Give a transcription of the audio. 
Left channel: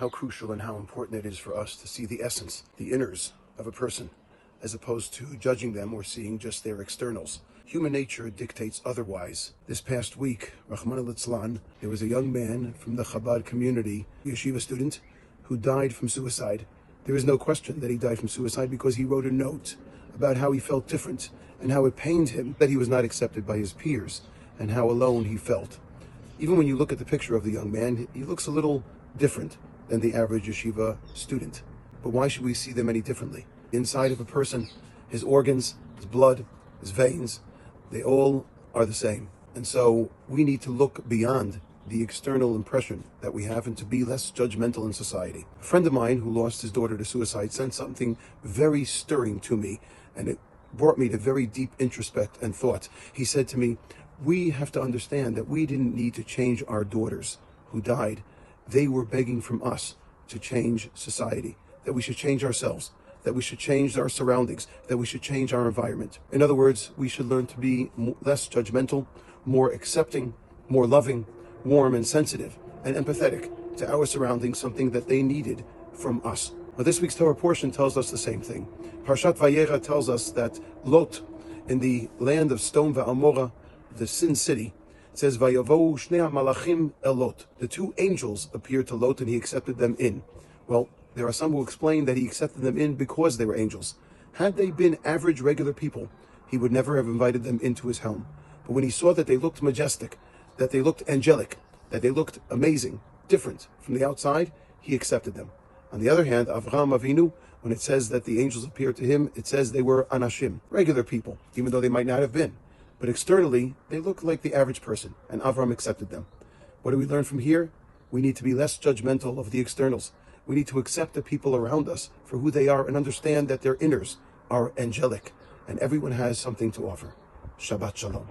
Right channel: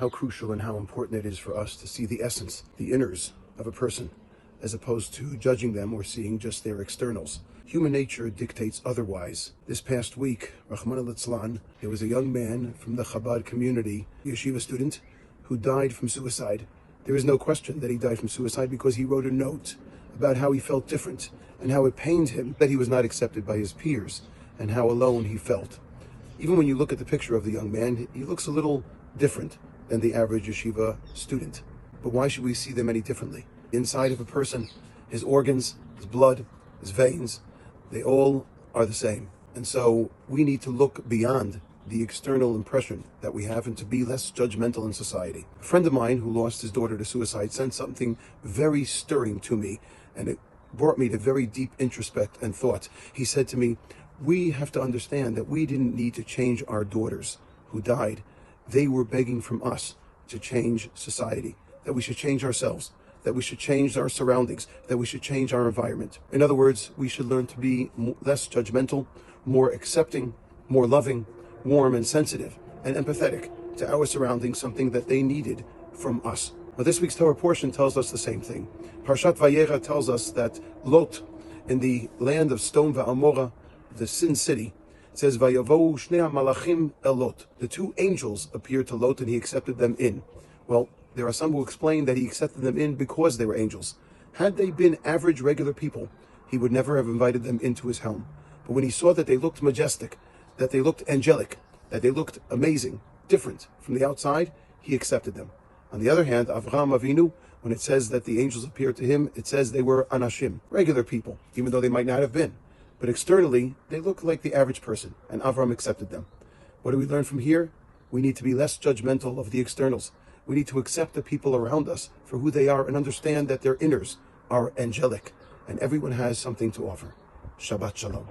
how crucial and how important it is for us to see the essence, the inners of a person, as opposed to judging them or seeing just their externals. Human nature dictates otherwise. This past week, Rahman al-Islam, there was a young man from the Shabbat community, yeshiva student, who died from suicide. There is no question that he died from suicide because he wrote a note about how he felt different and how it pained him that he was not accepted by his peers and how alone he felt. Even when you look at the picture of the young man, he looks a little different than the average yeshiva student. But why should we see them any differently? Inside of a person, his organs, his blood, his veins, they all are the same. And so we need to look beyond the external impression that we have and to be less judgmental in society. A friend of mine who lost his daughter to suicide sent something very stirring to me, and it brought me to very deep introspect and thought. He said to me, we have to understand that we didn't need to change our daughters who died. They were begging from us to change society, that we should change ourselves, that we should change our surroundings, that we should change our environment. In other words, we should learn to be less judgmental, more accepting, more loving, warm and sensitive and empathetic to our surroundings, something that they needed from us. But this week's Torah portion tells us the same thing. Parshat Vayera tells us that Lot, in the land of Sodom V'Amorah, the sin city, it says, Vayavohu shnei malachim el Lot. The two angels appeared to Lot and he accepted them in. Well, there are some who explain that he accepted them in because they were angels. Had they been average, regular people, he would never have invited them into his home. But when he saw that they looked majestic, that they looked angelic, that they looked amazing, different from the outside, he accepted them. On the other hand, Avraham Avinu, when it says that the angels appeared to him, it says they were anashim, regular people, even though they might not have been. But externally, they looked like the average person, and Avram accepted them. What do we learn from here? We need to be less judgmental of the externals. We need to accept the people around us for who they are and understand that their inners are angelic, and everyone has something to offer. Shabbat Shalom.